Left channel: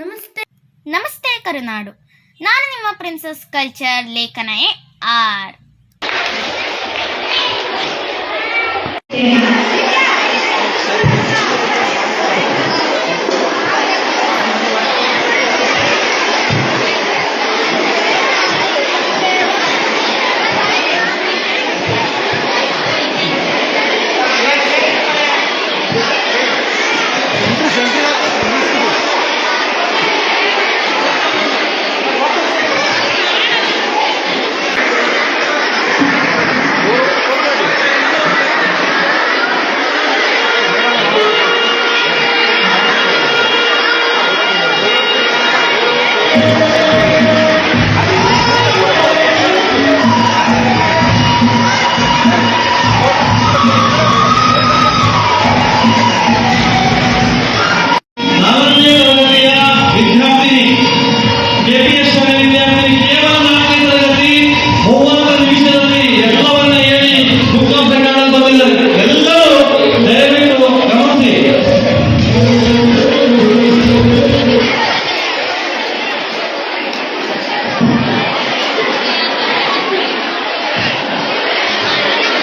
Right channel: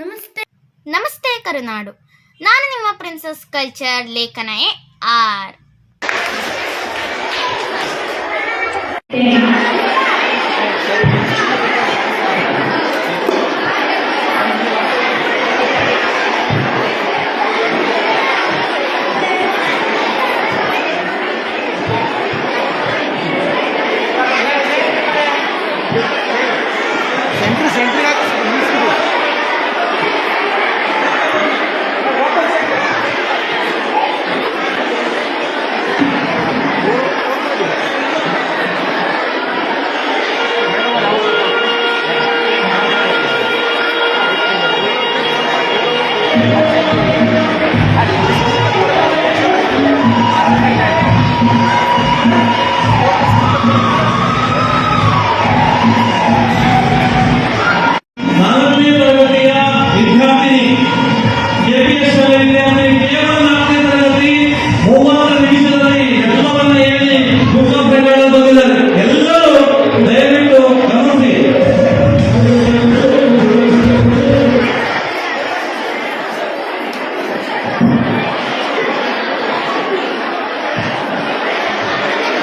ನಮಸ್ತೆ ನಮಸ್ತೆ ಕರುನಾಡು ನಾನು ನಿಮ್ಮ ಪ್ರಿನ್ಸಸ್ ಕಲ್ಚರ್ ಲೇಖನ ಎ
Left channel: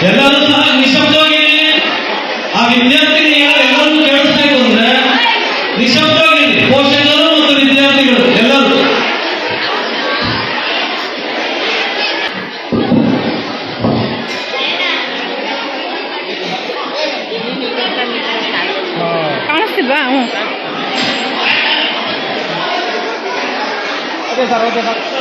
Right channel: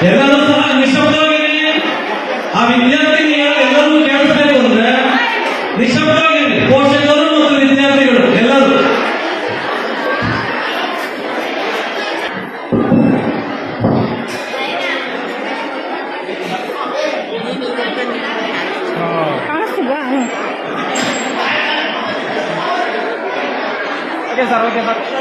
ಎಲ್ಲರೂ ಸಹ ನಿಶಬ್ಧವಾಗಿರಿ ಆ ವಿದ್ಯಾರ್ಥಿ ಎಲ್ಲರೂ ಕೇಳಸ್ತೀತು ಅಂದ್ರೆ ನಿಶಬ್ಧವಾಗಿರಿ ಪೋಶಕರು ಮತ್ತು ವಿದ್ಯಾರ್ಥಿಗಳು ಎಲ್ಲರೂ ಆ ತಾನೇ ತಾನೇ ಆ ತಾನೇ ಸರ್ ಹೋಗಿ ಬಂತ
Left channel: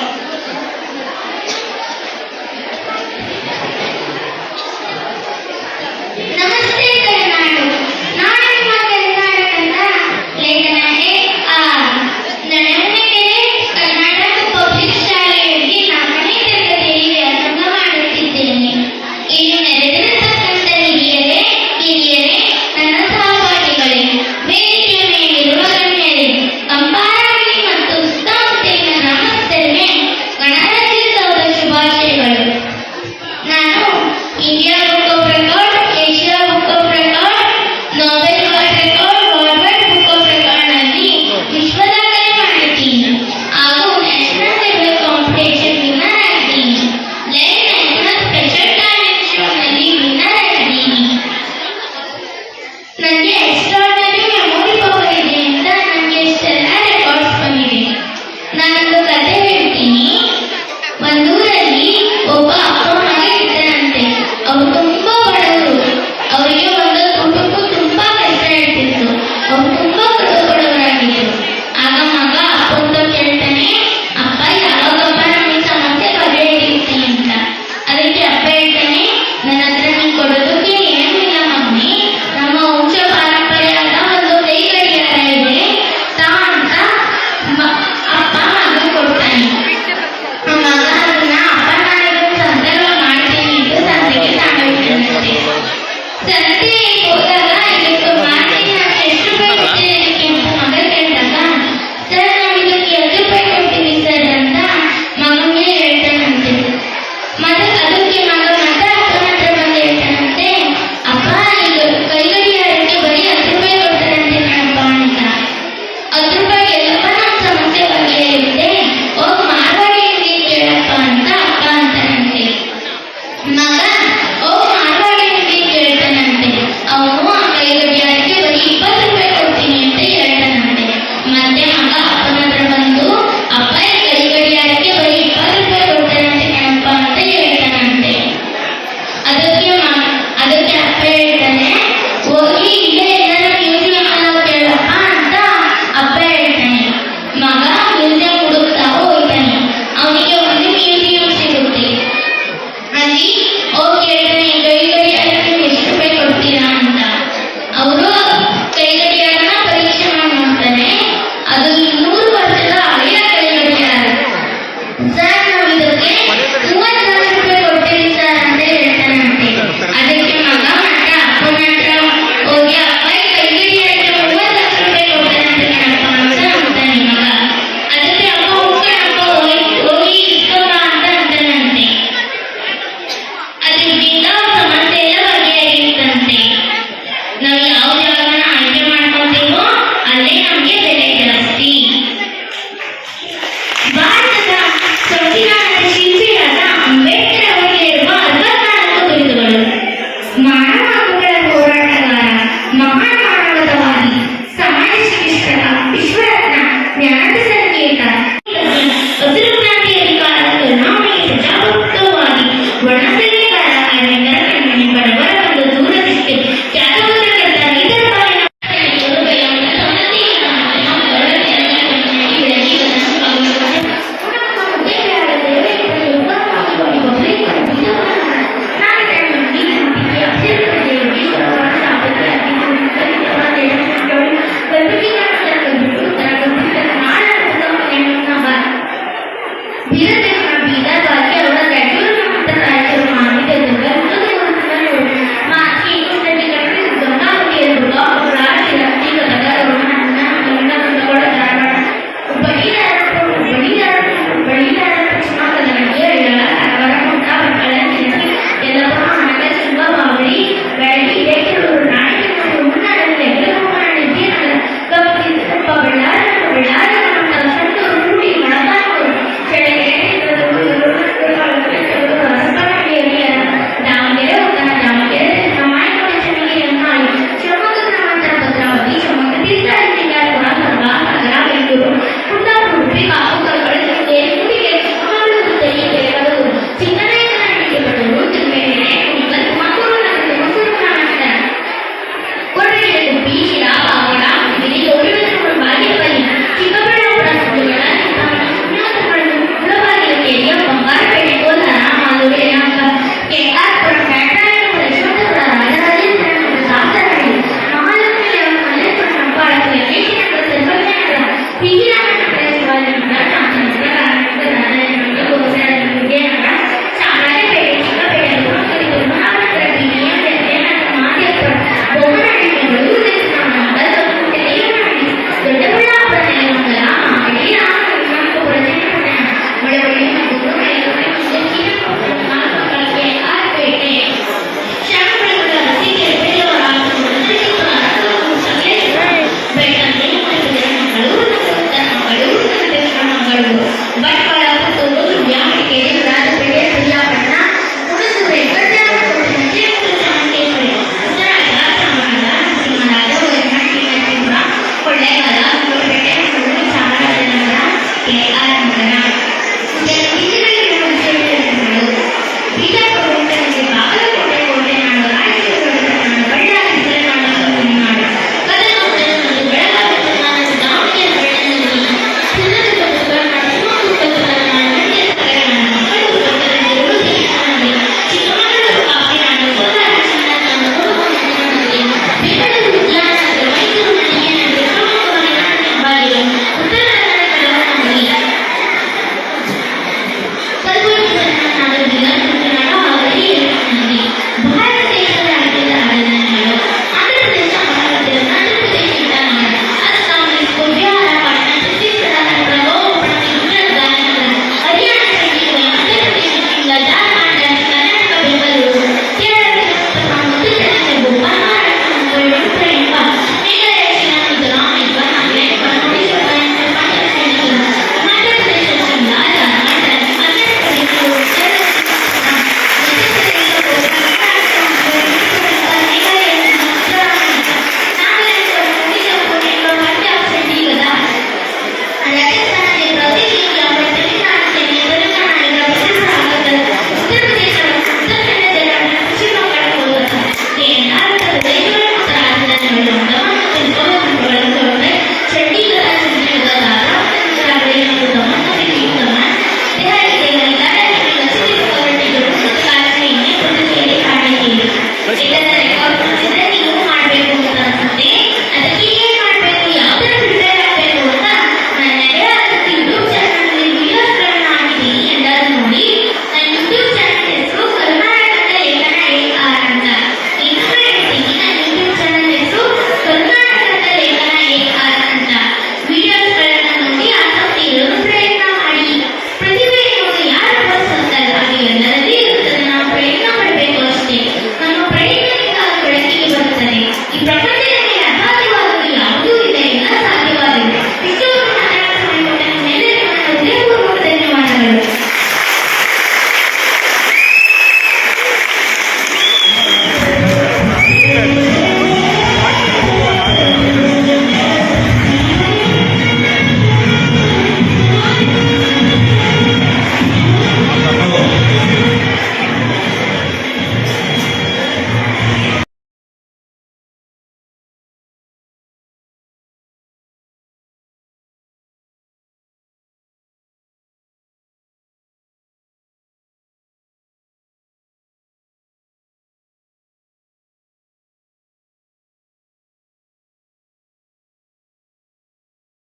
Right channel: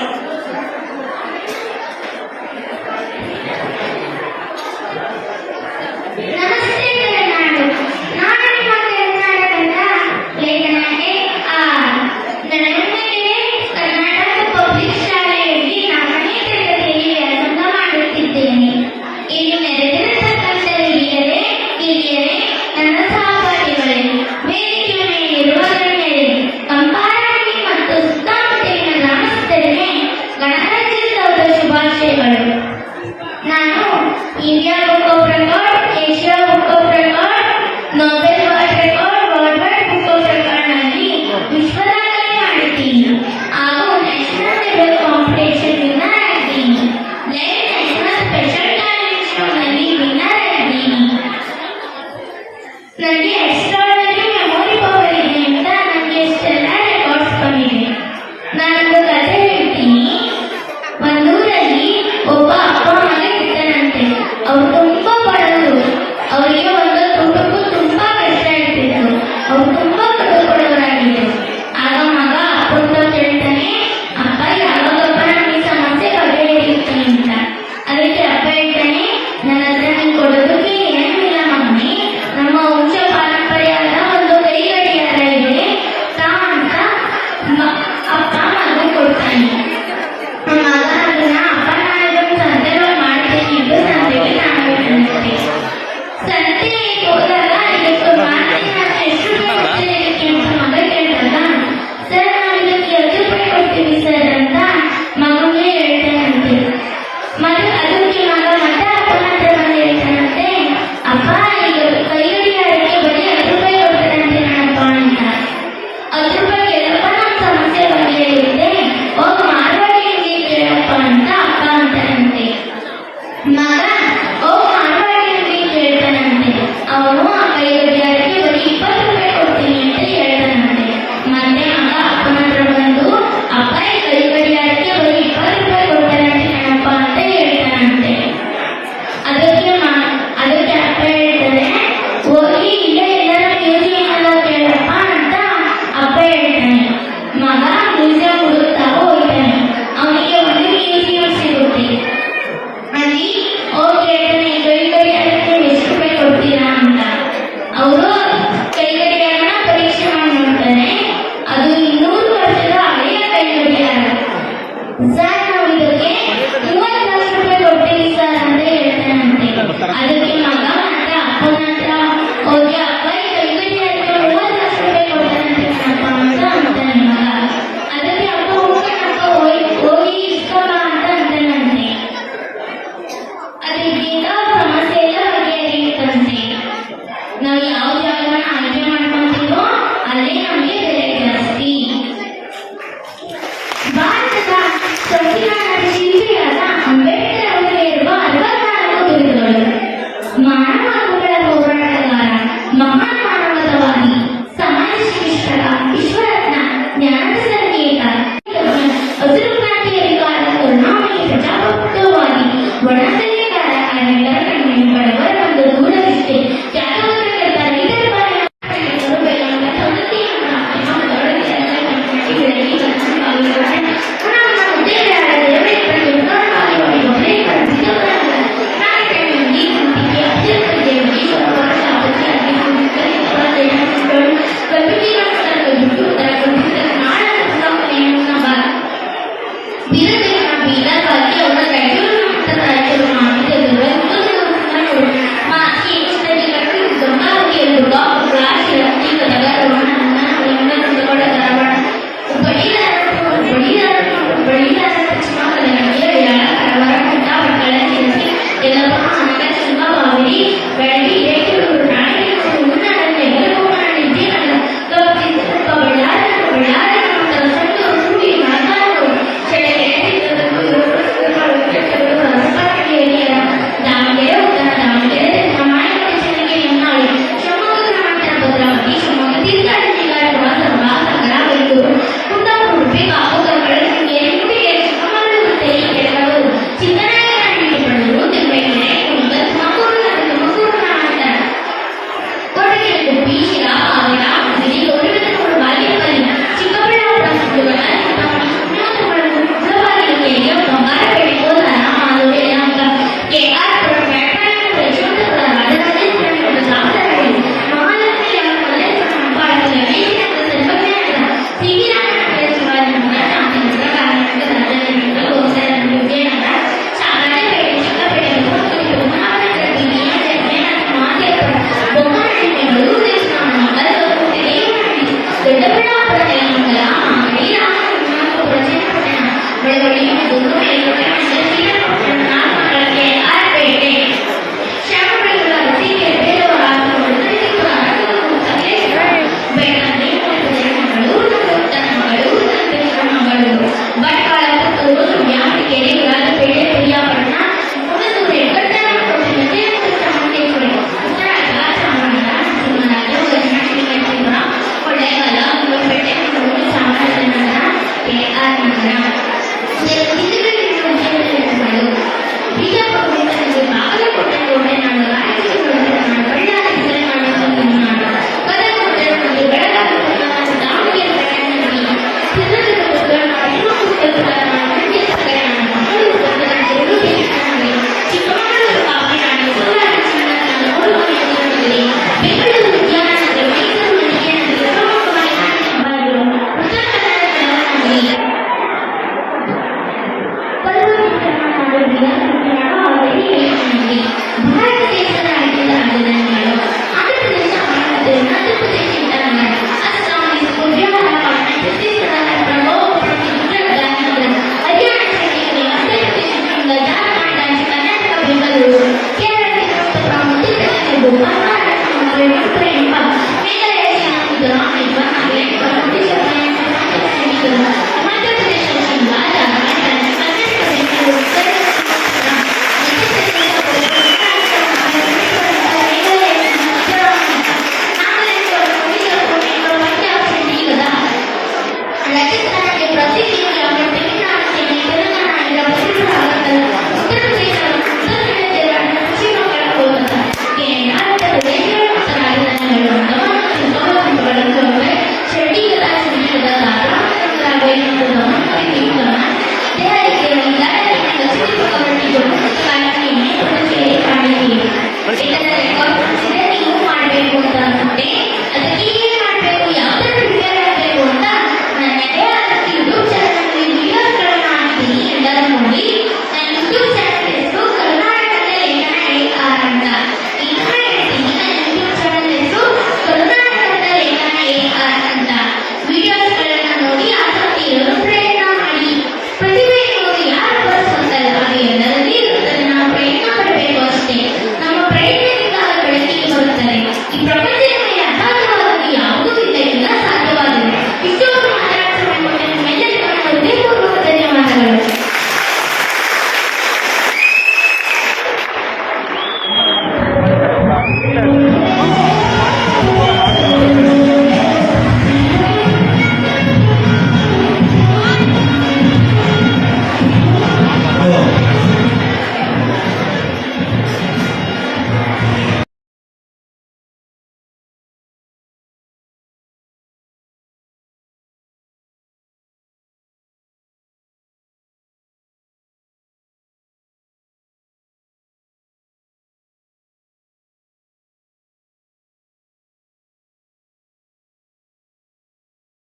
力量。<Yeah. S 2> yeah.